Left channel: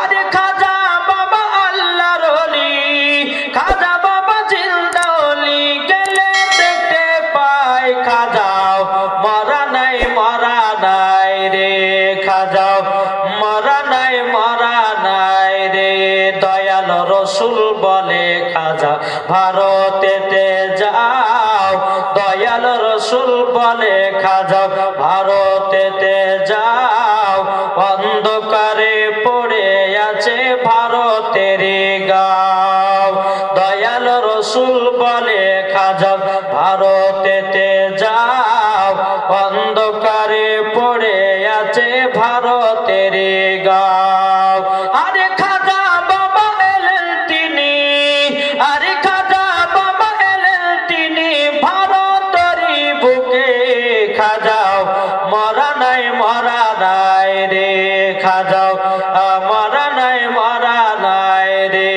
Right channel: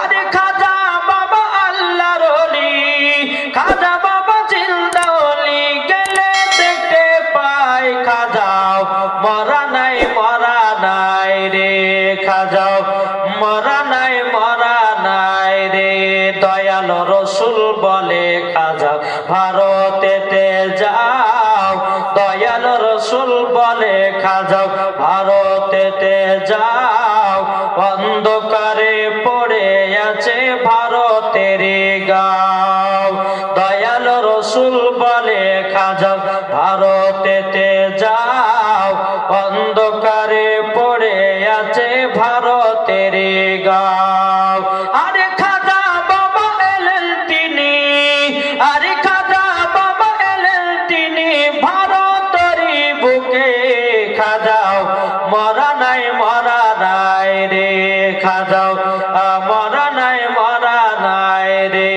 আরে খাজা বাবা আল্লাহর ওলি, খাজা বাবা জিন্দা ওলি, গেলে দেখতে পাই খাজাও মরা নাই রে, খাজাও মরা নাই রে। দয়াল রসুল বলে খাজা ভারতেতে যাও, দয়াল রসুল বলে খাজা ভারতেতে যাও, অন্ধকারে পড়ে আছে ভারতের গাঁও। দয়াল রসুল বলে খাজা ভারতেতে যাও, অন্ধকারে পড়ে আছে ভারতের গাঁও। আরে খাজা বাবা এলেন তিনি, আরে খাজা বাবা এলেন তিনি ভারতের বুকে, খাজাও মরা নাই রে, খাজাও মরা নাই রে।